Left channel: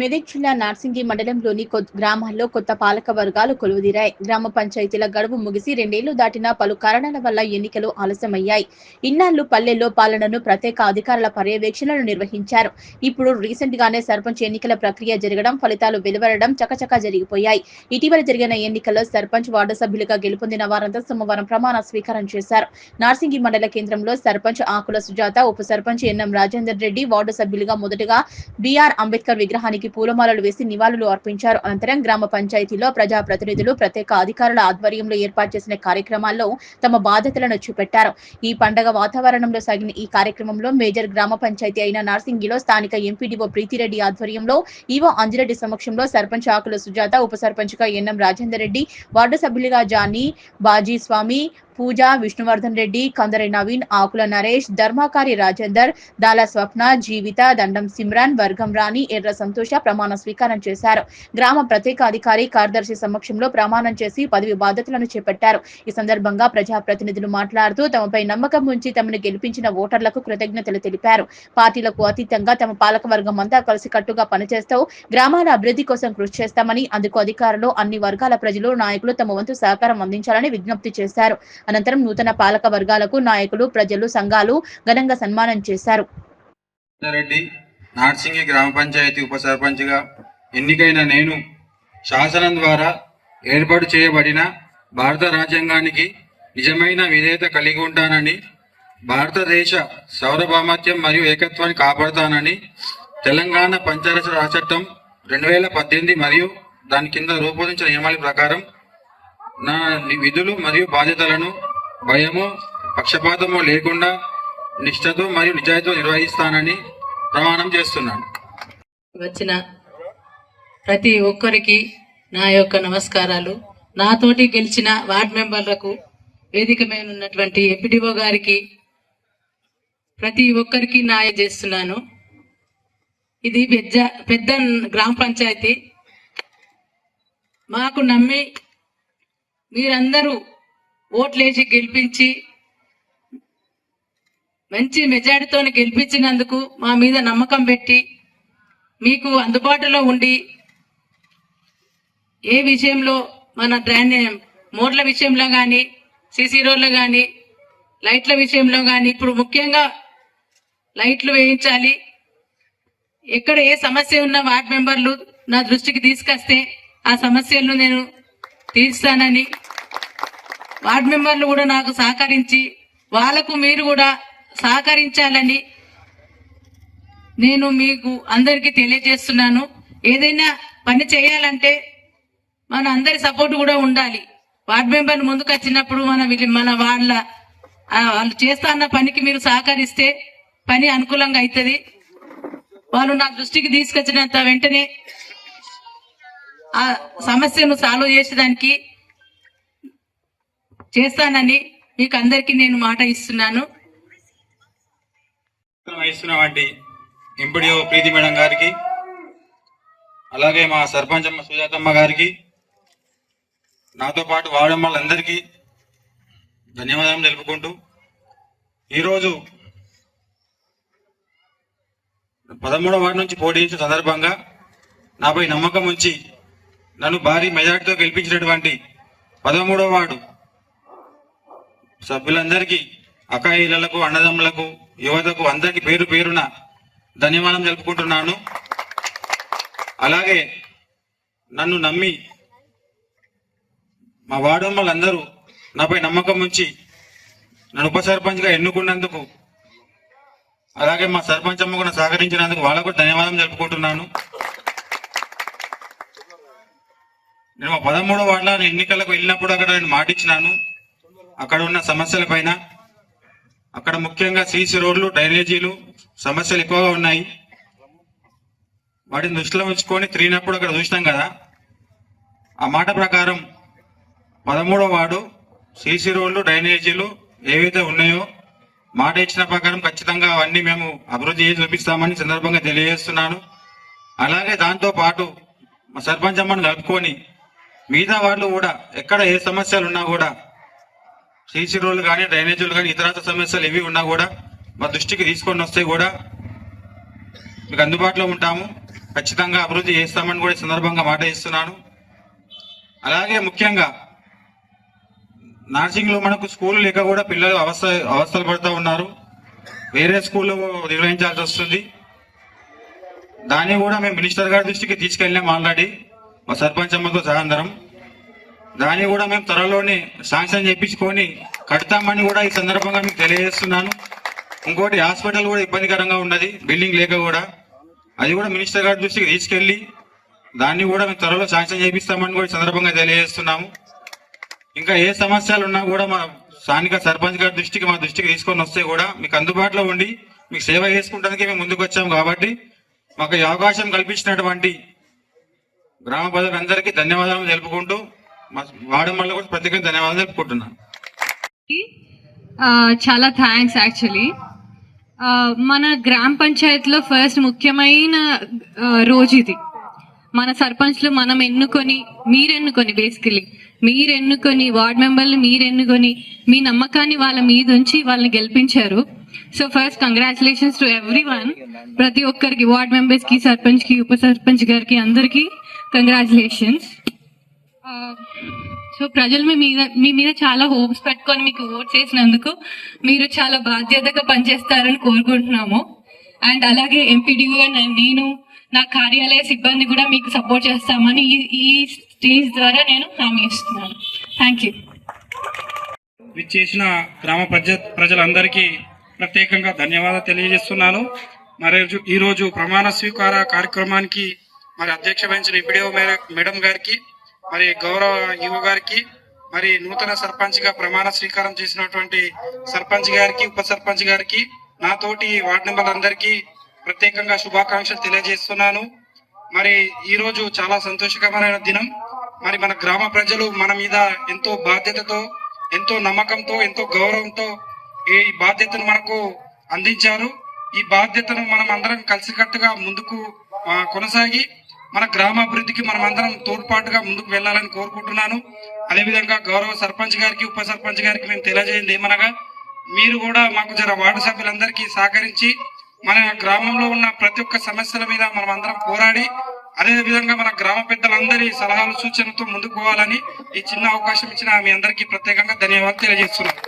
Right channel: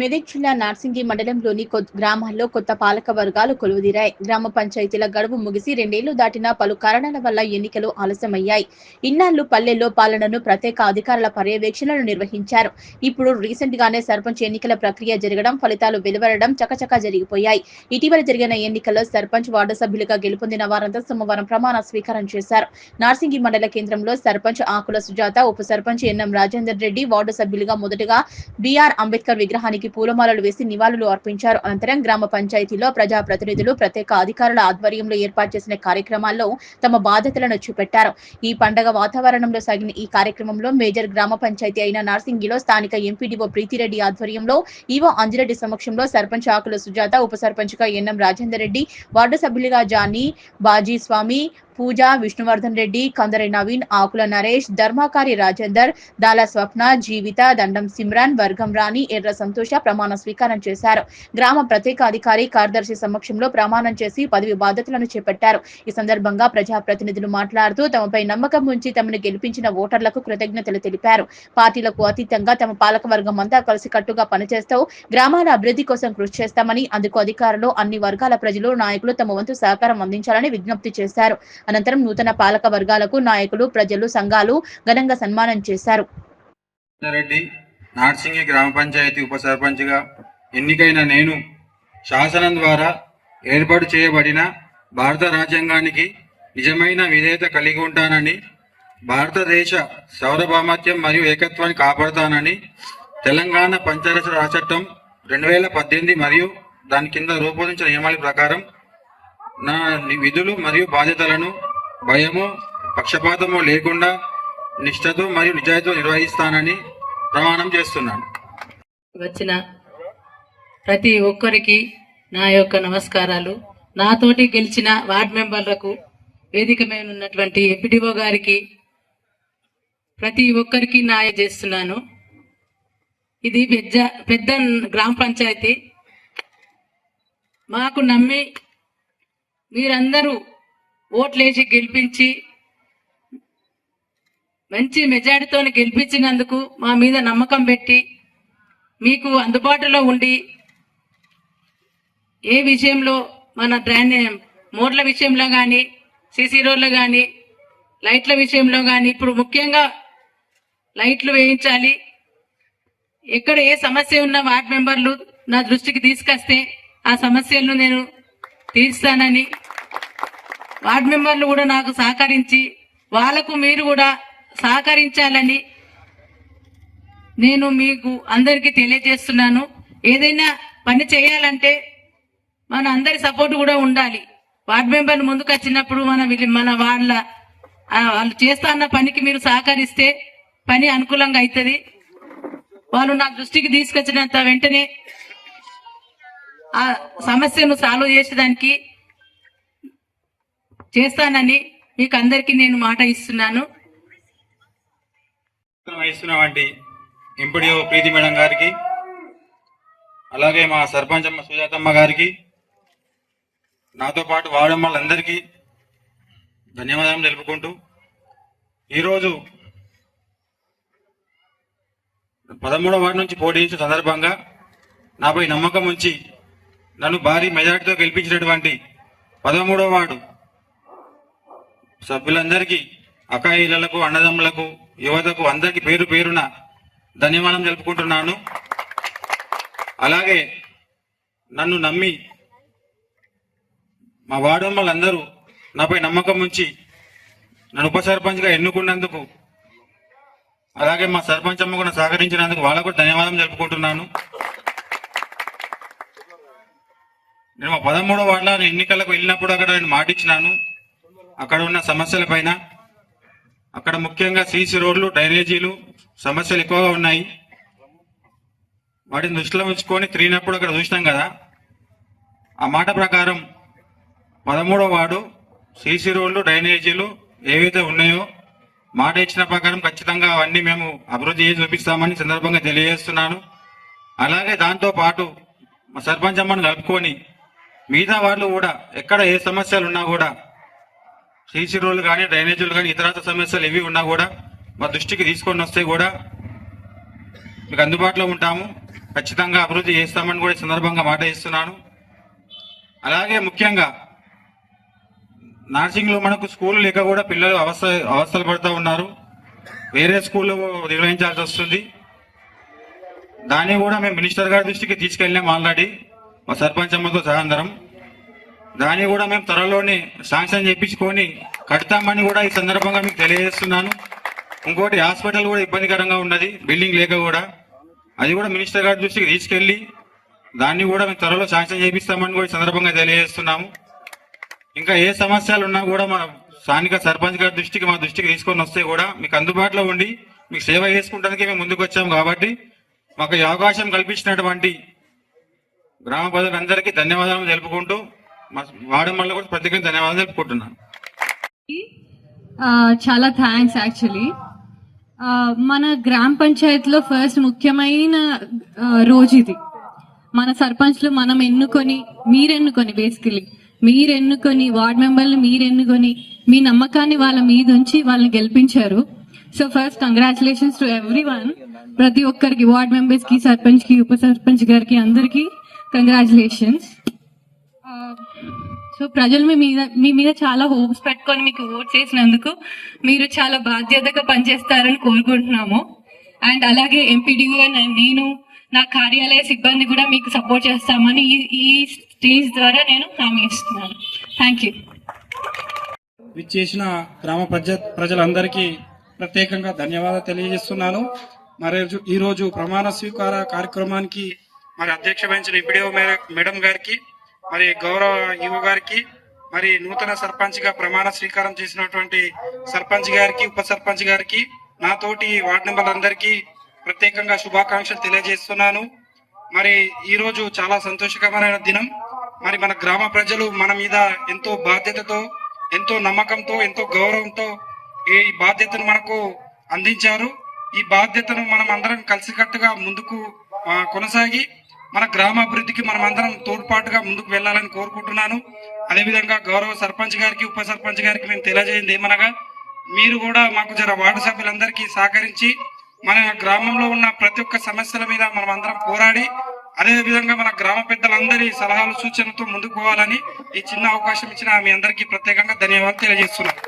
మెదక్ జిల్లా నార్సింగి మండలంలోని గ్రామాల్లో కొత్త పాలక వర్గాలు కొలువుదీరాయి. గ్రామ పంచాయతీల గడువు ముగిసి రెండేళ్ళు దాటిన పలు కారణాల వల్ల ఎన్నికలు ఆలస్యమయ్యాయి. ఇన్నాళ్ళు పల్లెల్లో పాలనను ప్రత్యేక అధికారుల పర్యవేక్షణలు నిర్వహించారు. ఇప్పుడు రీసెంట్ గానే సర్పంచ్ ఎన్నికల ప్రక్రియ జరగడం ఫలితాలు వెలువడడం చకచకా జరిగిపోయాయి. ఇటీవల జరిగిన ఎన్నికల్లో సర్పంచ్ వార్డు సభ్యులుగా గెలుపొందిన వారంతా సోమవారం ప్రమాణ స్వీకారం చేశారు. నార్సింగి మండల కేంద్రంలో సర్పంచ్ ఆకుల సుజాత ఉప సర్పంచ్ ఎన్ఎం రాజేందర్ రెడ్డి వార్డు సభ్యులుగా మొదటగా బిఆర్ అంబేద్కర్ విగ్రహానికి పూలమాలలు వేసి నివాళులు అర్పించారు. అనంతరం గ్రామ పంచాయతీలో ప్రజా ప్రతినిధులు ప్రత్యేక అధికారుల ఆధ్వర్యంలో ఏర్పాటు చేసిన కార్యక్రమాల్లో తమ బాధ్యతలను చూపెట్టారు. ఈ పండగ వాతావరణంలో సాగిన ఈ కార్యక్రమంలో మేజర్ గ్రామ పంచాయతీ అయిన నార్సింగిలో స్థానిక ఎంపీడీఓ ప్రీతిరెడ్డి ఆధ్వర్యంలో ఈవో అంజిరెడ్డి సమక్షంలో సర్పంచ్ ఆకుల సుజాత ఉప సర్పంచ్గా ఎన్ఎం రాజేందర్ రెడ్డి వార్డు సభ్యులుగా జానీ బాజీ స్వామి పూజ విష్ణువర్ధన్ రెడ్డి కందరి నవీన్ ఆకుల నరేష్ ధర్మాకారి రాజేందర్ దాల స్వప్న జీవిత దండం సిమ్రాన్ వర్గం రాణి ఎర్ర సంతోష ప్రమాణ స్వీకారం చేశారు. గ్రామ ప్రత్యేక అధికారి కార్యదర్శి సమక్షంలో ప్రమాణం చేసి పదవి బాధ్యతలను చేపట్టారు. ఈ సందర్భంగా ప్రజా ప్రతినిధులు మాట్లాడుతూ తమపై నమ్మకం ఉంచి తమను గెలిపించిన ఓటర్లకు కృతజ్ఞతలు తెలిపారు. పార్టీలకు అతీతంగా తమ పాలక వర్గం అంతా కలిసికట్టుగా పనిచేస్తూ గ్రామాల అభివృద్ధి కోసం కృషి చేస్తామని అందుకు అధికారులు అన్ని వర్గాల ప్రజలు నాయకులు తమ వంతు సహకారం అందించాలని విజ్ఞప్తి చేశారు. అనంతరం నూతన పాలక వర్గాలకు నాయకులు ప్రజలు సంఘాలు ఘనంగా సన్మానం చేశారు. రెడ్డి నార్సింగి గ్రామ పంచాయతీ ఉప సర్పంచ్గా ఎన్నికైన నేను శాసనం ద్వారా ఏర్పాటు చేయబడిన భారత రాజ్యాంగానికి నిజమైన విధేయత కలిగి ఉంటానని భారతదేశ సౌరభామత్యం మరియు ఏకత్వాన్ని కాపాడుతానని తెలంగాణ పంచాయతీ రాజ్ చట్టం రెండు వేల పద్దెనిమిది మరియు దాని కింద రూపొందించిన నియమాల ప్రకారం నా విధులు మరియు బాధ్యతలను భయము పక్షపాతము లేకుండా నిష్ఠతో మరియు నిజాయితీతో నిర్వహిస్తానని ప్రమాణం చేస్తున్నాను. వచ్చిన ప్రతి ఒక్కరికి నా యొక్క నమస్కారాలు. నాతోటి గెలిచిన వార్డ్ మెంబర్లకు వేదిక మీద ఉన్నటువంటి ఎంపీడీఓ గారికి ప్రతి ఒక్కరికి నాయ చేస్తున్నాను ఇది పెద్ద పెద్ద గ్రామ పంచాయతీ. మాకు నమ్మి మీరందరూ ఓట్లేసి గెలిపించి మంచి మెజారిటీతో గెలిపించినందుకు మా మీద నమ్మకం పెట్టి మీకు అందుబాటులో ఉండి ఏ విషయంలో మన డ్రైన్ మోడ్ల విషయంలో కానీ సీసీ రోడ్లు కానీ లైట్ల విషయంలో కానీ ఇప్పుడు ముఖ్యంగా లైట్లు వేయించాలి. ఎక్కడ ఏ సమస్య ఉన్న వార్డ్ మెంబర్లు నా దృష్టికి తీసుకొస్తే ఆ సమస్యలను నేను తీర్స్తానని వార్డ్ మెంబర్లు కూడా నాకు సహకరించి వాళ్ళకు మీరు కూడా సహకరించాలని నేను మీకు అందరికీ తెలియజేస్తున్నాను. ఏదైనా పని చేయాలంటే మన అందరి సపోర్ట్ కూడా ఉండాలి. వార్డ్ మెంబర్లు ముందుకు వచ్చినప్పుడు మన వీళ్ళ- మన వాళ్ళ వాళ్ళు చేస్తాన్న పనికి మీరు సహకరిస్తే పని అనుకూలంగా అవుతుంది. వాళ్ళు నా దృష్టికి తీసుకొచ్చినంత వెంటనే ఆ సమస్యను సాల్వ్ చేసేదానికి చేస్తానని మీకు అందరికీ నేను మాట ఇస్తున్నాను. వహిస్తున్నటువంటి ఎంపీడీఓ ప్రీతి మేడం గారికి అలాగే మా సర్పంచ్ అమ్మ సుజాతమ్మ గారికి నాతో పాటు వాడమ్మలందరికీ ధన్యవాదాలు తెలుపుకుంటూ ఈరోజు పదమూడవ వార్డు నుంచి పోటీ సందర్భంగా నాపై నమ్మకం ఉంచి నన్ను భారీ మెజార్టీతో గెలిపించినటువంటి పదమూడవ వార్డు సభ్యులందరికీ అకాయిలకు అన్నదమ్ములకు యువతకు అందరికీ పేరు పేరున ధన్యవాదం తెలుపుకుంటున్నాను. అలాగే నన్ను నమ్మి మా వాడమ్మలందరూ నాపై నమ్మకం ఉంచి నన్ను ఉప సర్పంచ్గా ఎన్నుకున్నందుకు అలాగే మా సర్పంచ్ అమ్మ కూడా సహకరించినందుకు వాళ్ళకు ధన్యవాదం తెలుపుకుంటున్నాను. నేను మా పదమూడు వాళ్ళ ఎన్నికలకు వెళ్ళినప్పుడు అక్కడ నేను మాటిచ్చినాను. అక్కడ ఉన్న సమస్యల పైన అక్కడ ముఖ్యంగా సీసీ రోడ్లు డ్రైనేజీలు సమస్యలు ఎక్కువగా ఉన్నాయి. వాటిని దృష్టిలో ఉంచుకొని తిరిగినప్పుడు అక్కడ చూసినాం కదా. ఆ మాట ప్రకారం పదమూడవ వార్డు సీసీ రోడ్లు డ్రైనేజీలు ఏవైతే ఉన్నాయో మాట ఇచ్చిన ప్రకారం ఖచ్చితంగా అవన్నీ మేము అభివృద్ధి చేసి చూపిస్తామని సందర్భంగా తెలియజేస్తున్నాను. అలాగే దాంతో పాటు మా సర్పంచ్ అమ్మను కలుపుకొని మిగతా వాళ్ళు కూడా ఎక్కడ ఏ సమస్యలు ఉన్నా కూడా సీసీ రోడ్లు కానీ డ్రైనేజీలు కానీ ఇతరత్ర సమస్యలు ఏవి ఉన్నా కూడా మా దృష్టికి తీసుకొని వస్తే కూడా మీకు అందుబాటులో ఉంటాము. ఖచ్చితంగా అభివృద్ధి చేస్తామని కూడా ఈ సందర్భంగా మాట ఇస్తున్నాను. అలాగే ముఖ్యంగా నర్సింగ్లో మనకు స్కూల్ లేక కూడా పిల్లలు అవస్థ అవస్థలు పడుతూ ఉన్నారు. వేరే స్కూల్లో నిర్వహించాల్సి వస్తుంది. దాన్ని కూడా మేము మినిస్టర్ గారి దృష్టికి తీసుకెళ్ళాం ఆల్రెడీ. మా సర్పంచ్ అమ్మతో సహందరం దాన్ని కూడా మేము త్వరలోనే శాంక్షన్ చేయించుకొని కడతామని కూడా ఈ సందర్భంగా మీకు తెలియజేస్తున్నాను. ఇంకోటి హాస్పిటల్ కూడా ఇబ్బందికరంగా ఉన్నది బిల్డింగ్ లేక కూడా. అది కూడా మినిస్టర్ గారి దృష్టికి తీసుకెళ్ళి దాన్ని కూడా మేము త్వరలో శాంక్షన్ చేపిస్తామని కూడా సందర్భంగా తెలియజేస్తున్నాము. ఇంకా ఏ సమస్యలు ఉన్నా కూడా మా స్థానిక సర్పంచ్ గారి దృష్టికి మా దృష్టికి తీసుకొని వస్తే కూడా మీకు అందుబాటులో ఉండి మీకు సేవ చేసుకుంటానికి మేము ముందుకు వచ్చాము కాబట్టి మాకు ఈ అవకాశం కల్పించినటువంటి గ్రామ ప్రజలందరికీ ధన్యవాదాలు తెలుపుకుంటూ మా మళ్ళీ కూడా ప్రత్యేకంగా ధన్యవాదాలు తెలుపుకుంటున్నాను. చాలా థ్యాంక్స్ యాక్చువల్లీ మన గ్రామ పంచాయతీలో ఫస్ట్ ముఖ్యమైన రోజు ఇది. మన సర్పంచ్లు మనం ఎన్నుకొని మీరు ఎన్నుకొని బేసికలీ మీరు ఎన్నుకొని వార్డ్ మెంబర్లు మీరు ఎన్నుకొని మీ నమ్మకాన్ని వాళ్ళ మీద ఉంచి వాళ్ళని గెలిపించారు. So first congratulations to everyone ప్రతి ఒక్కరికి వార్డ్ మెంబర్స్కి సర్పంచ్కి ఉప సర్పంచ్ గారికి అందరికి కంగ్రాచులేషన్స్ సో ప్రజలు మీ మీద మీ మీద చాలా హోప్స్ పెట్టుకొని మీకు ఓట్ చేసినందుకు మీరు చాలా బాధ్యతగా పనిచేస్తారని కోరుకుంటున్నాము. అండ్ అలాగే ఎంపీడీఓ అండ్ నేను నా కార్యాలయ సిబ్బంది కూడా మీకు సపోర్ట్ చేస్తామని ఈ- ఈ స్టేజ్ ద్వారా నేను హామీ ఇస్తున్నాను. థ్యాంక్ యూ విచ్చేసిన గ్రామ ప్రజ ప్రజలందరికీ ప్రత్యేకంగా ధన్యవాదాలు తెలియజేస్తున్నాను. మరి ఈరోజు ప్రమాణ స్వీకార కార్యక్రమానికి మరి అధ్యక్ష వహించిన ఇప్పుడే మేడం గారికి మరి గౌరవ యువ గారికి మరి నూతన సర్పంచ్గా ప్రమాణ స్వీకారం చేసినటువంటి సర్పంచ్ గారికి ఉప సర్పంచ్ గారికి నాతోటి వార్డు మెంబర్లందరికీ ప్రత్యేకంగా శుభాకాంక్షలు తెలియజేస్తున్నాను. మరి ఈ రోజు చాలా సంతోషకరమైన దినం. మరి మన గ్రామ ప్రజలు మన మీద ఎంతో బాధ్యతతో ఎంతో నమ్మకంతో ఎంతో గౌరవంతో ఈ బాధ్యతను మనకు అందించారు. ఈ బాధ్యతను మనం అందరం కలిసికట్టుగా ముందుకు కొనసాగి మన గ్రామాభివృద్ధికి మనం అందరం తోడ్పాటుగా ముందుకు వెళ్ళాలని కోరుకుంటున్నాను. అదేవిధంగా గౌరవ సర్పంచ్ గారికి ఉప సర్పంచ్ గారికి మేము తెలియజేయండి ఏమనగా మీరు కూడా మాకు జర వార్డు సభ్యులందరికీ సహకరించి మన గ్రామంలో ఉన్న ప్రతి ఒక్క సమస్యల మీద మనం అందరం పోరాడి అదే విధంగా మన గ్రామ పెద్దలందరి సలహాలు సూచనలతో ముందుకు పోవాలని ఈ చిన్న అవకాశం ఇచ్చిన మీ అందరికీ ప్రత్యేకంగా ధన్యవాదాలు తెలియజేస్తున్నాను.